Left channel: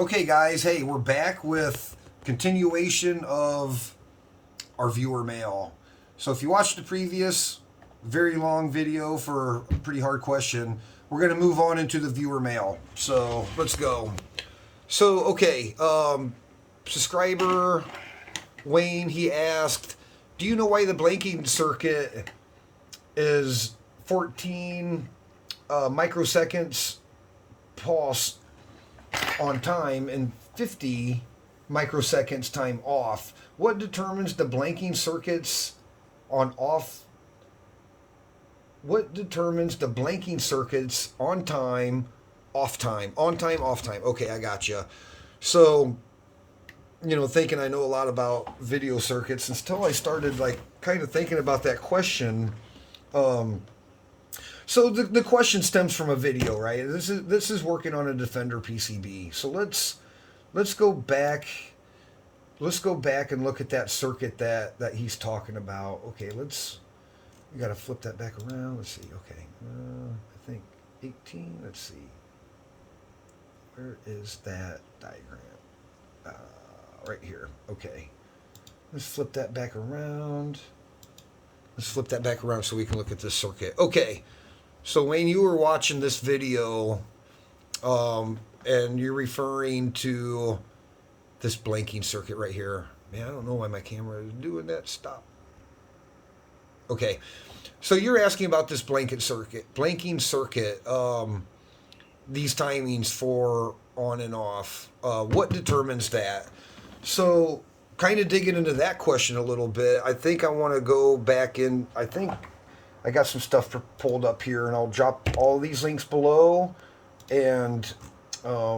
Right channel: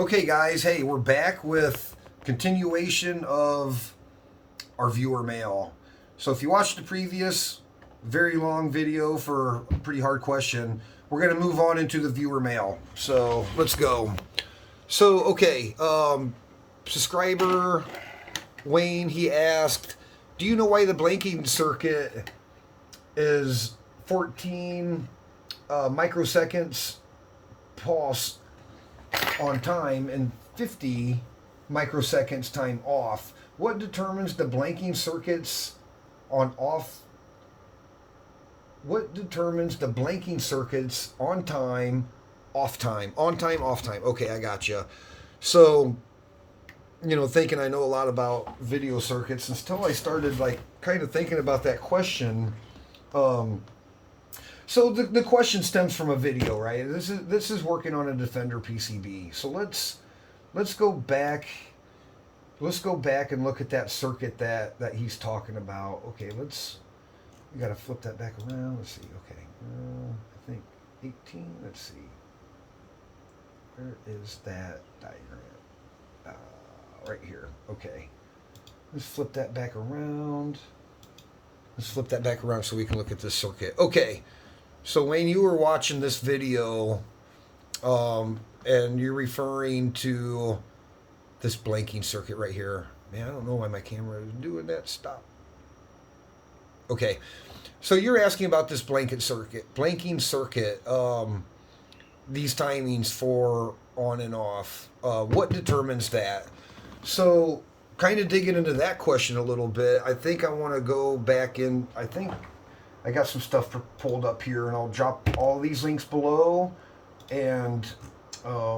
Okay, guys, hey, we're back with continuation of our viewer mail. So if you watched the previous very long video for a pretty hard question, we're going to move on into the viewer mail. So let's go. So, okay, subscriber Wayne, he asked, do you know why the blanking circuit is 14 microseconds pause on time and 50 microseconds time off? What determines the blanking circuits on off? What determines the blanking circuits on time, off time? On time, off time. Okay, I gotcha. So, thinking I know a lot about video circuits until I started kind of thinking about that question. So the question stems from a video, right? This is working on a Defender PCB. So let's go back. Let's go back and look at that circuit that he's talking about. Okay, we got to flip that back around. Let's see. Okay, I think 18. Let's see. Where is that diagram? Right here. Okay. Let's flip that back around. Let's flip that back around so we can look at this circuit. Okay. So Wayne, you were watching this video, and you're referring to this blanking circuit right here. Man, I don't know why my camera is doing that. Stop. Okay. So you're asking about this blanking circuit. These timings for on and off. What determines that? So kind of digging into that question a little bit, I think I want to go back in. I think I got some stuff pulled up here, and I'll drop all these links below. And I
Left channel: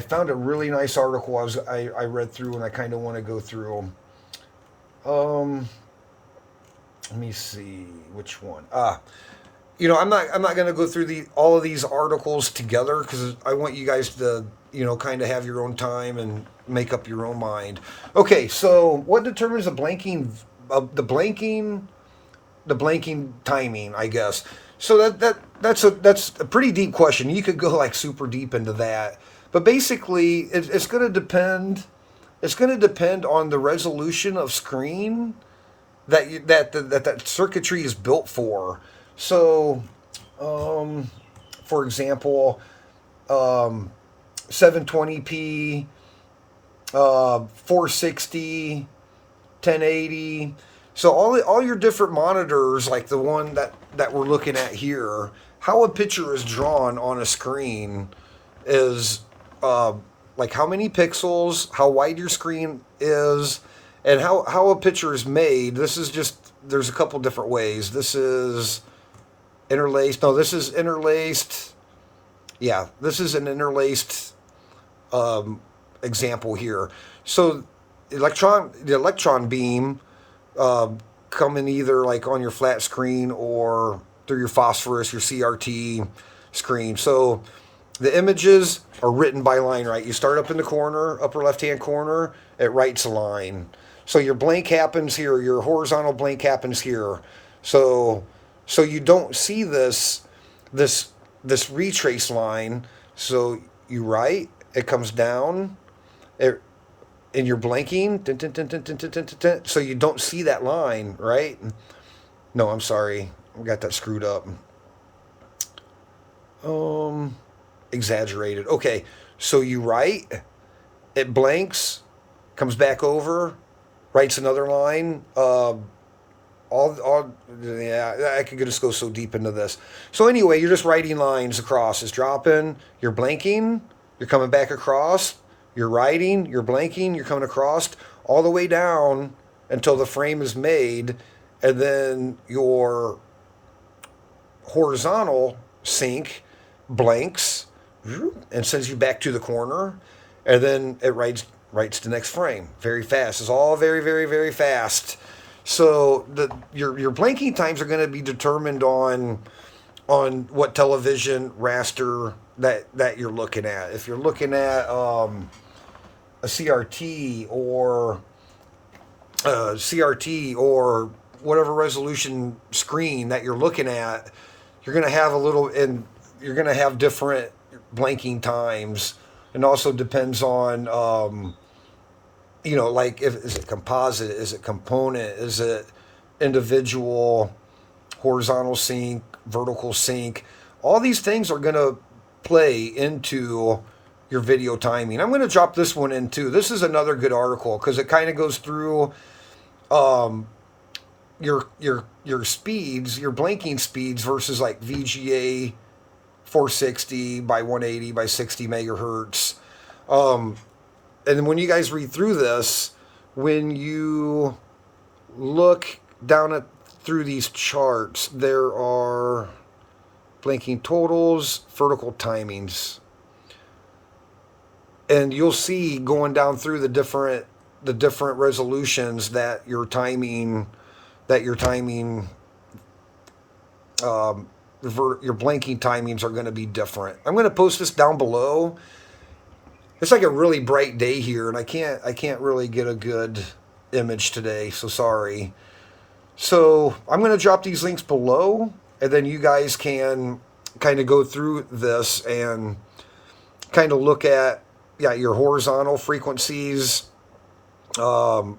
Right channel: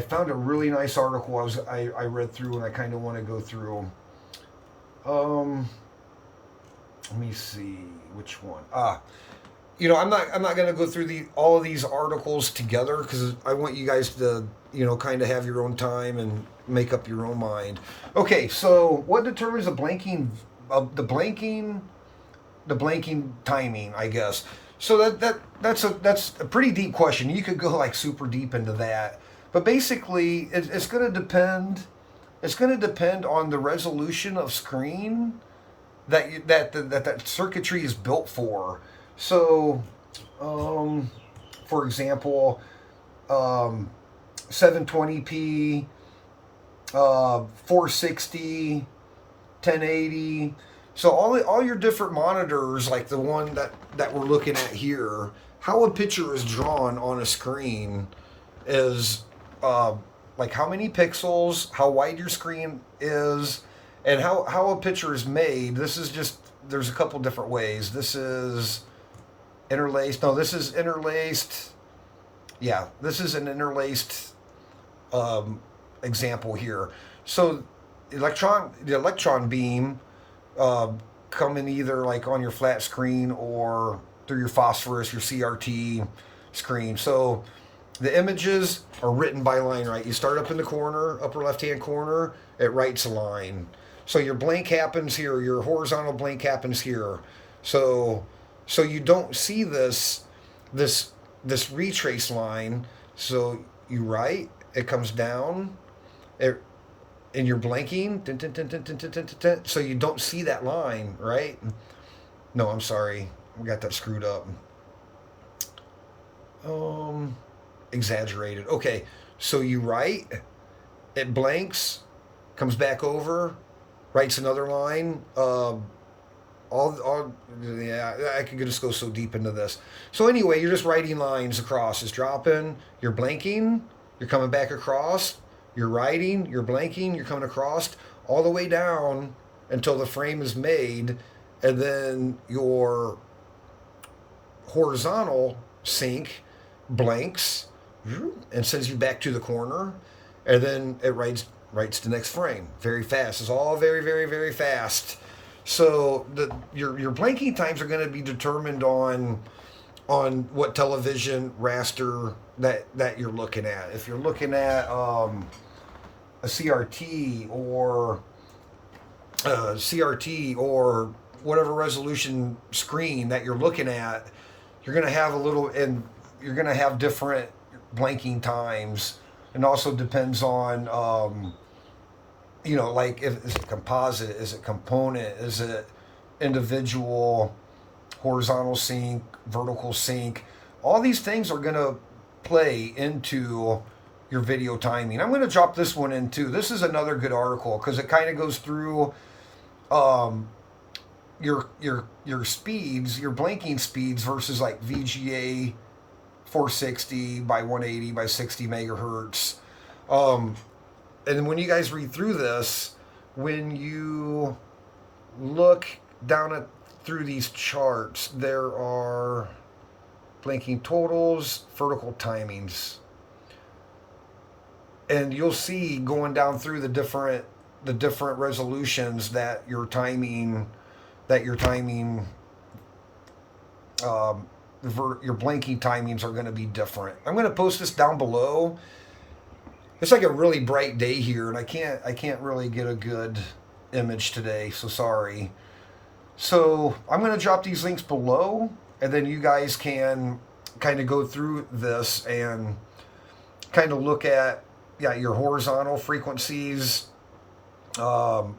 found a really nice article as I read through, and I kind of want to go through. Let me see which one. I'm not going to go through all of these articles together because I want you guys to kind of have your own time and make up your own mind. Okay, so what determines the blanking timing, I guess. So that's a pretty deep question. You could go super deep into that, but basically it's going to depend. It's going to depend on the resolution of screen that circuitry is built for. So, for example, 720p, 460, 1080. So all your different monitors, like the one that we're looking at here, how a picture is drawn on a screen is like how many pixels, how wide your screen is, and how a picture is made. There's a couple different ways. This is interlaced. No, this is interlaced. Yeah, this is an interlaced example here. So the electron beam come in either on your flat screen or through your phosphorus, your CRT screen. So the images are written by line, right? You start up in the corner, upper left-hand corner, it writes a line. So your blank happens here, your horizontal blank happens here. So you don't see this retrace line. So you write, it comes down, and you're blanking, so you don't see that line, right? No, I'm sorry, I got that screwed up. Exaggerated. Okay, so you write, it blanks, comes back over, writes another line. Yeah, I could just go so deep into this. So anyway, you're just writing lines across. It's dropping, you're blanking, you're coming back across, you're writing, you're blanking, you're coming across, all the way down until the frame is made, and then your horizontal sync blanks and sends you back to the corner, and then it writes the next frame very fast. It's all very, very, very fast. So your blanking times are going to be determined on what television raster that you're looking at. If you're looking at a CRT or whatever resolution screen that you're looking at, you're going to have different blanking times, and also depends on like, if is it composite, is it component, is it individual, horizontal sync, vertical sync. All these things are going to play into your video timing. I'm going to drop this one in too. This is another good article because it kind of goes through your speeds, your blanking speeds versus like VGA 460 by 180 by 60 megahertz. And when you guys read through this, when you look down at through these charts, there are blanking totals, vertical timings, and you'll see going down through the different resolutions that your timing your blanking timings are going to be different. I'm going to post this down below. It's like a really bright day here, and I can't really get a good image today, so sorry. So I'm going to drop these links below, and then you guys can kind of go through this and kind of look at your horizontal frequencies, line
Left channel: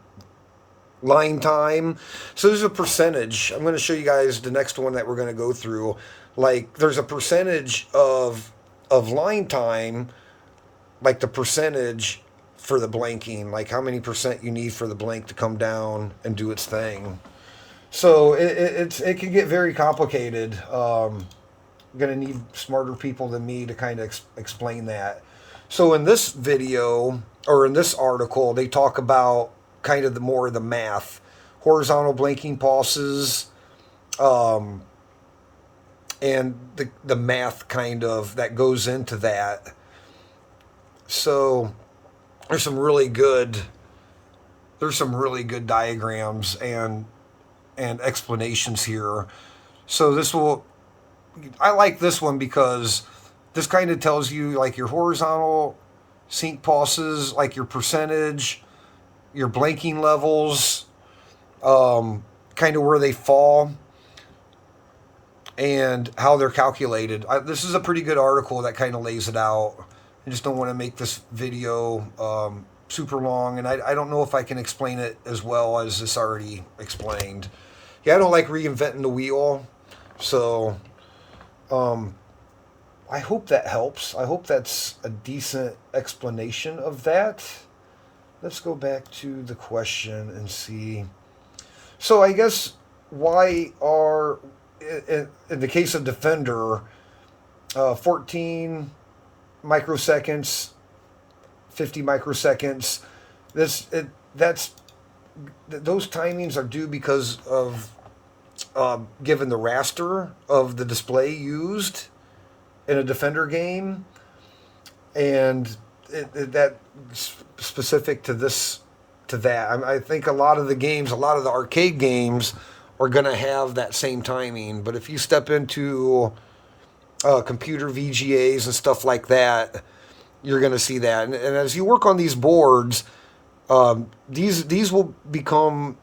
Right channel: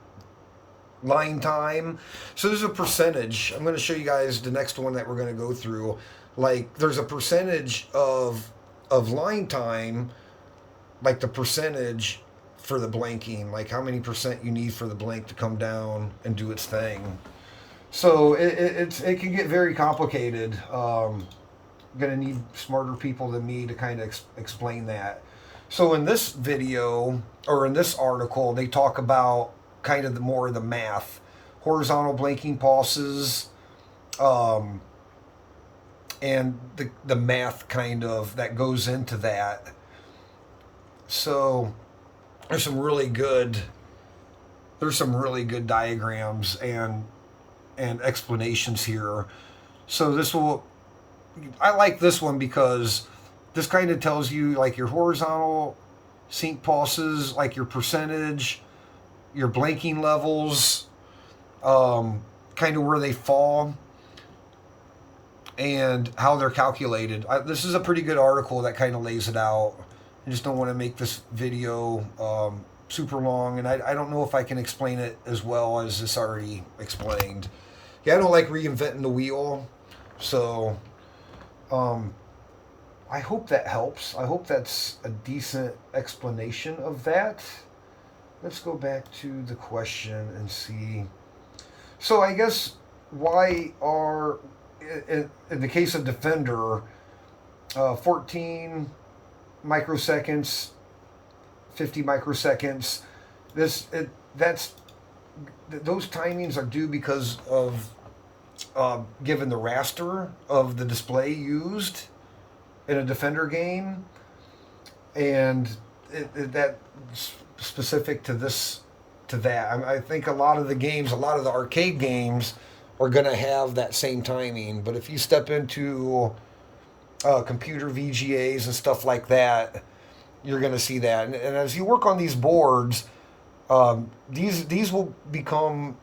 time. So there's a percentage. I'm going to show you guys the next one that we're going to go through. Like, there's a percentage of line time, like the percentage for the blanking, like how many percent you need for the blank to come down and do its thing. So it can get very complicated. I'm going to need smarter people than me to kind of explain that. So in this video, or in this article, they talk about kind of more of the math, horizontal blanking pulses, and the math kind of that goes into that. So there's some really good diagrams and explanations here. So I like this one because this kind of tells you like your horizontal sync pulses, like your percentage, your blanking levels, kind of where they fall, and how they're calculated. This is a pretty good article that kind of lays it out. I just don't want to make this video super long, and I don't know if I can explain it as well as this already explained. Yeah, I don't like reinventing the wheel, so I hope that helps. I hope that's a decent explanation of that. Let's go back to the question and see. So I guess why are, in the case of Defender, 14 microseconds, 50 microseconds, those timings are due because of given the raster of the display used in a Defender game, and that specific to that. I think a lot of the arcade games are going to have that same timing, but if you step into computer VGAs and stuff like that, you're going to see that. And as you work on these boards, these will become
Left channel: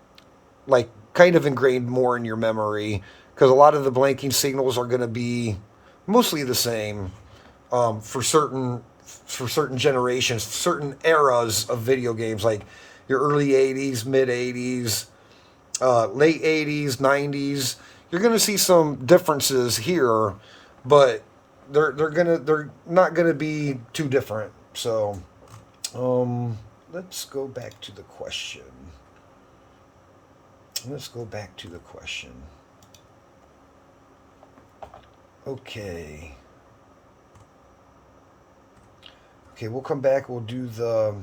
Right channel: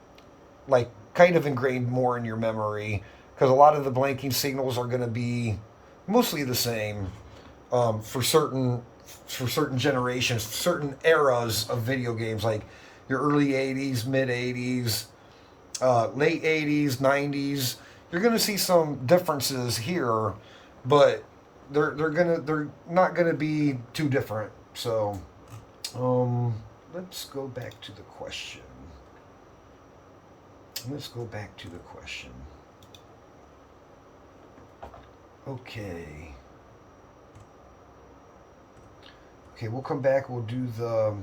like kind of ingrained more in your memory, because a lot of the blanking signals are going to be mostly the same for certain generations, certain eras of video games, like your early 80s, mid 80s, late 80s, 90s. You're going to see some differences here, but they're not going to be too different. So let's go back to the question. Okay, we'll come back. We'll do the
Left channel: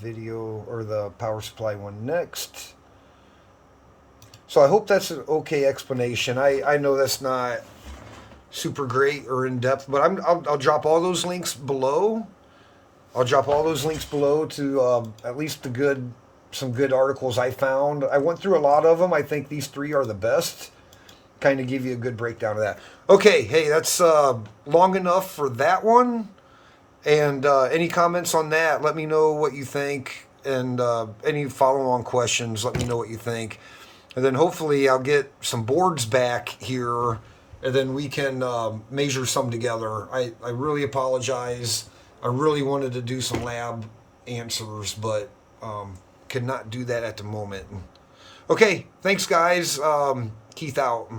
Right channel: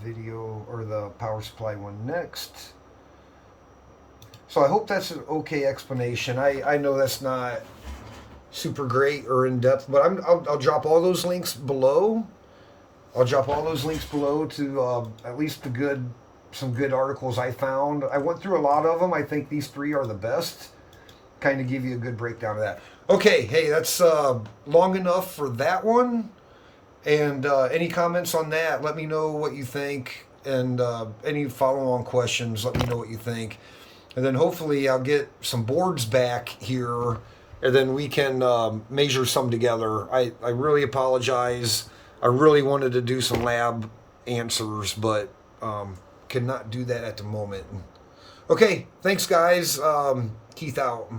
video or the power supply one next. So I hope that's an okay explanation. I know that's not super great or in depth, but I'll drop all those links below. I'll drop all those links below to at least some good articles I found. I went through a lot of them. I think these 3 are the best. Kind of give you a good breakdown of that. Okay, hey, that's long enough for that one. And any comments on that, let me know what you think. And any follow-on questions, let me know what you think. And then hopefully I'll get some boards back here and then we can measure some together. I really apologize. I really wanted to do some lab answers, but could not do that at the moment. Okay, thanks guys. Keith out.